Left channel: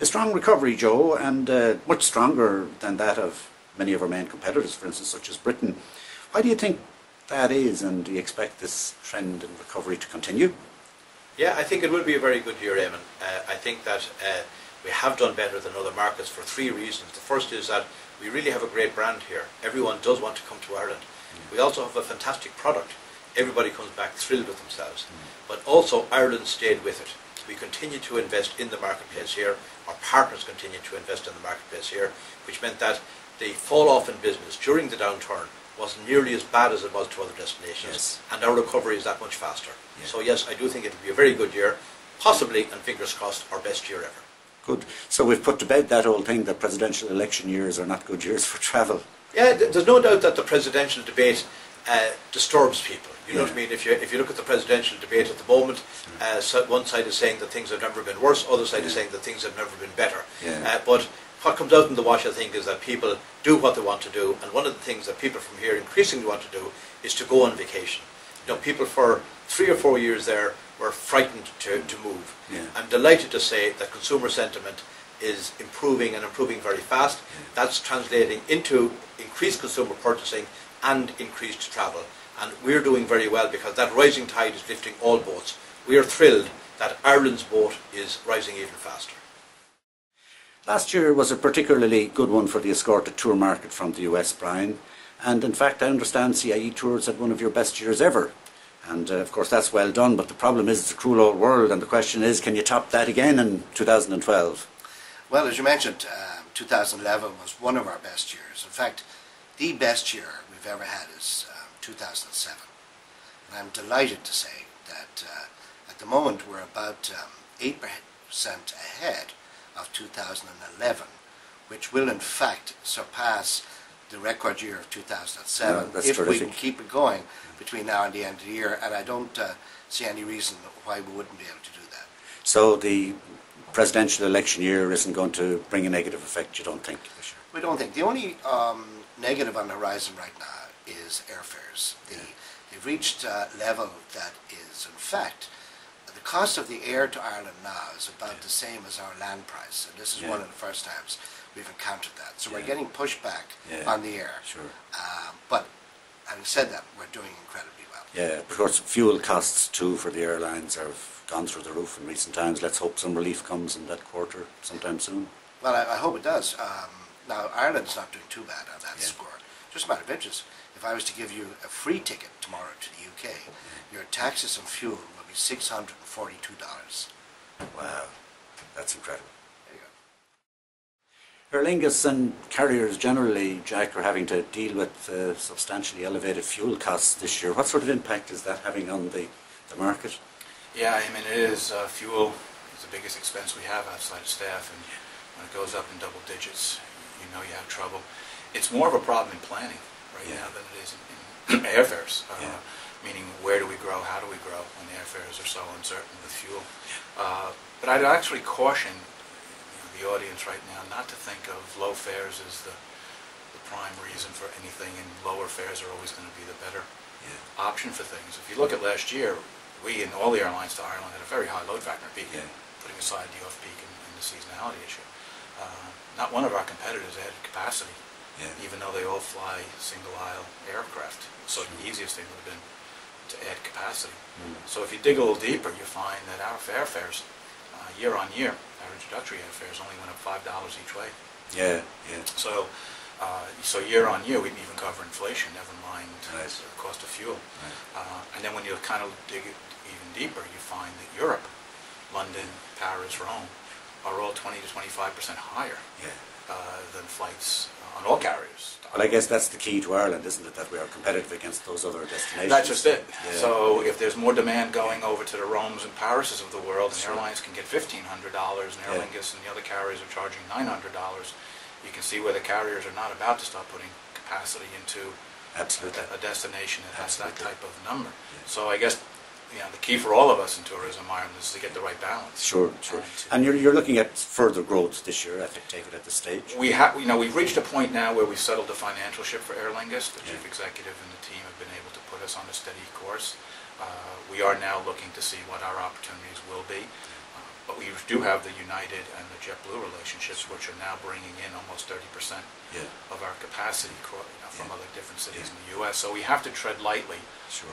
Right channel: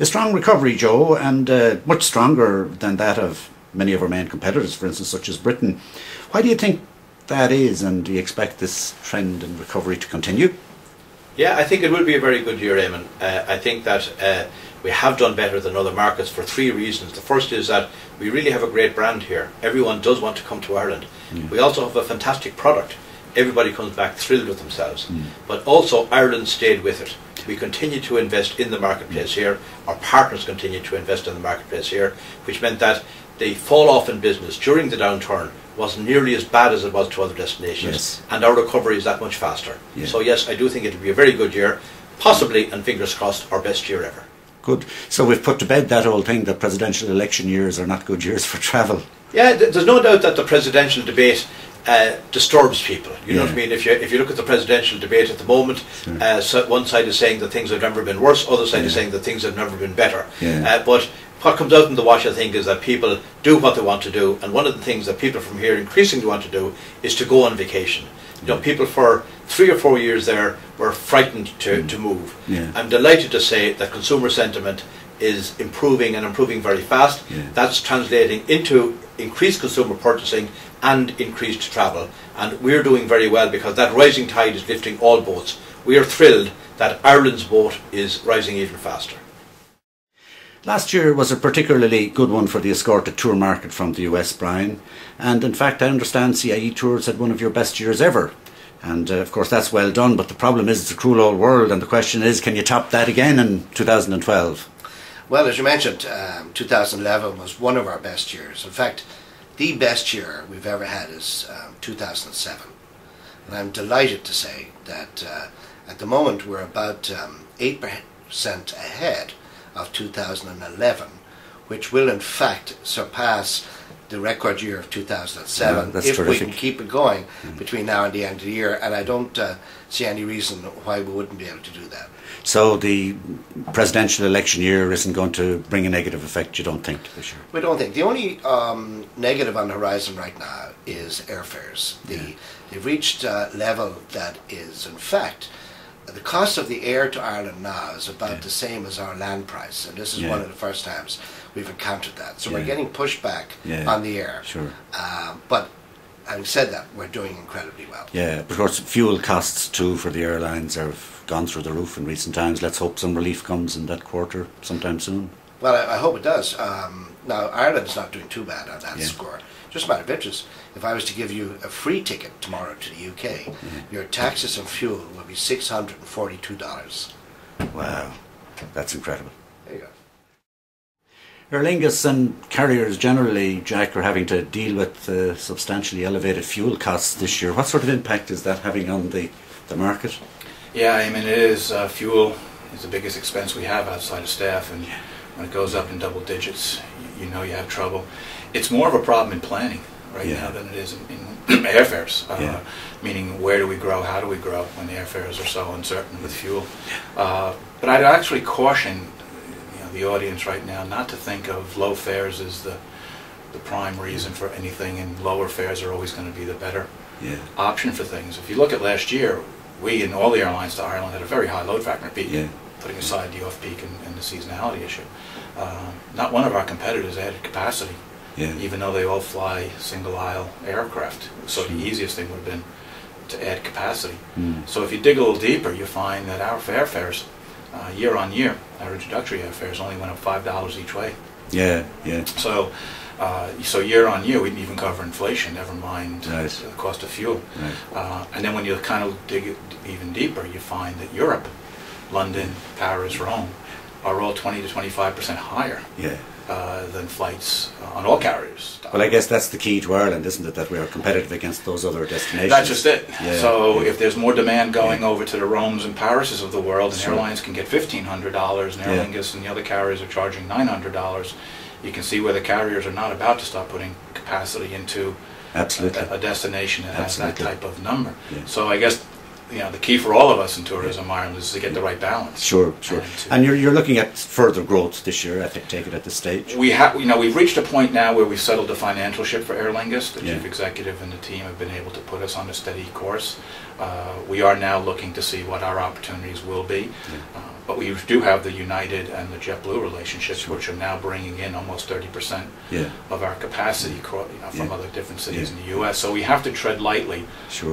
A strong recovery, Joe, and much stronger than that of many of our main competitors, for instance, such as Britain. Why do you think that is, and do you expect this trend in recovery to continue? Yeah, I think it will be a very good year, Eamon. I think that we have done better than other markets for three reasons. The first is that we really have a great brand here. Everyone does want to come to Ireland. We also have a fantastic product. Everybody comes back thrilled with themselves. But also Ireland stayed with it. We continue to invest in the marketplace here. Our partners continue to invest in the marketplace here, which meant that the fall off in business during the downturn wasn't nearly as bad as it was to other destinations. Yes. And our recovery is that much faster. Yeah. So yes, I do think it will be a very good year, possibly, and fingers crossed, our best year ever. Good. So we've put to bed that old thing that presidential election years are not good years for travel. Yeah, there's no doubt that the presidential debate disturbs people. You know what I mean? If you look at the presidential debate at the moment, so one side is saying that things have never been worse, other side is saying that things have never been better. But what comes out in the wash, I think, is that people do what they want to do, and one of the things that people from here increasingly want to do is to go on vacation. You know, people for 3 or 4 years there were frightened to move. I'm delighted to say that consumer sentiment is improving, and improving very fast. That's translating into increased consumer purchasing and increased travel, and we're doing very well because that rising tide is lifting all boats. We are thrilled that Ireland's boat is rising even faster. Last year was a particularly good one for the escorted tour market from the US, Brian, and in fact I understand CIE Tours had one of your best years ever, and of course that's well done, but the problem is it's a cruel old world, and the question is, can you top that again in 2012? Well, as you mentioned, 2011 was one of our best years. In fact, the best year we've ever had is 2007. And I'm delighted to say that at the moment we're about 8% ahead of 2011, which will in fact surpass the record year of 2007 if terrific. We can keep it going between now and the end of the year. And I don't see any reason why we wouldn't be able to do that. So the presidential election year isn't going to bring a negative effect, you don't think? We don't think. The only negative on the horizon right now is airfares. They've reached a level that is, in fact, the cost of the air to Ireland now is about the same as our land price, and this is one of the first times we've encountered that. So we're getting pushback on the air. Sure. But having said that, we're doing incredibly well. Yeah, of course, fuel costs too for the airlines have gone through the roof in recent times. Let's hope some relief comes in that quarter sometime soon. Well, I hope it does. Now, Ireland's not doing too bad on that score. Just a matter of interest, if I was to give you a free ticket tomorrow to the UK, your taxes and fuel will be $642. Wow, that's incredible. There you go. Aer Lingus and carriers generally, Jack, are having to deal with substantially elevated fuel costs this year. What sort of impact is that having on the market? Yeah, I mean, it is. Fuel is the biggest expense we have outside of staff, and when it goes up in double digits, you know you have trouble. It's more of a problem in planning right now than it is in airfares, meaning where do we grow, how do we grow when the airfares are so uncertain with fuel. But I'd actually caution the audience right now not to think of low fares as the prime reason for anything, and lower fares are always going to be the better option for things. If you look at last year, we and all the airlines to Ireland had a very high load factor, putting aside the off-peak and the seasonality issue. Not one of our competitors added capacity, even though they all fly single-aisle aircraft. So the easiest thing would have been to add capacity. So if you dig a little deeper, you find that our airfares, year on year, our introductory airfares only went up $5 each way. So so year on year, we didn't even cover inflation, never mind the cost of fuel. And then when you kind of dig even deeper, you find that Europe, London, Paris, Rome, are all 20 to 25% higher than flights on all carriers. Well, I guess that's the key to Ireland, isn't it, that we are competitive against those other destinations? That's just it. So if there's more demand going over to the Romes and Parises of the world, and airlines can get $1,500, and Aer Lingus and the other carriers are charging $900, you can see where the carriers are not about to start putting capacity into a destination that has that type of number. So I guess the key for all of us in tourism Ireland is to get the right balance. Sure. And you're looking at further growth this year, I think, take it at this stage. We've reached a point now where we've settled the financial ship for Aer Lingus. The chief executive and the team have been able to put us on a steady course. We are now looking to see what our opportunities will be. But we do have the United and the JetBlue relationships, which are now bringing in almost 30% of our capacity from other different cities in the U.S. So we have to tread lightly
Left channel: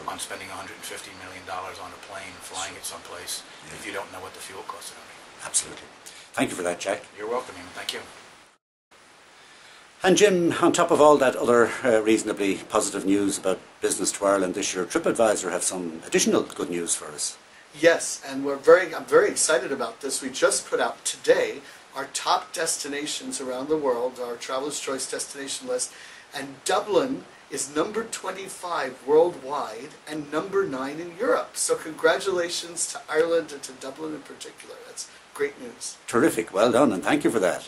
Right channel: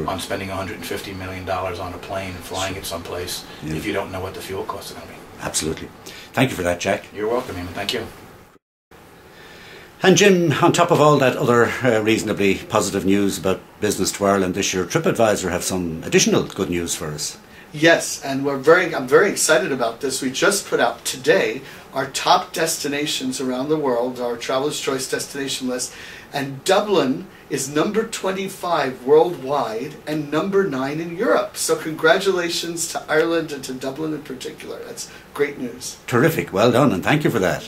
on spending $150 million on a plane and flying it someplace if you don't know what the fuel costs are going to be. Absolutely. Thank you for that, Jack. You're welcome, Eamon. Thank you. And Jim, on top of all that other reasonably positive news about business to Ireland this year, TripAdvisor have some additional good news for us. Yes, and I'm very excited about this. We just put out today our top destinations around the world, our Traveler's Choice destination list, and Dublin is number 25 worldwide and number 9 in Europe. So congratulations to Ireland and to Dublin in particular. That's great news. Terrific. Well done, and thank you for that.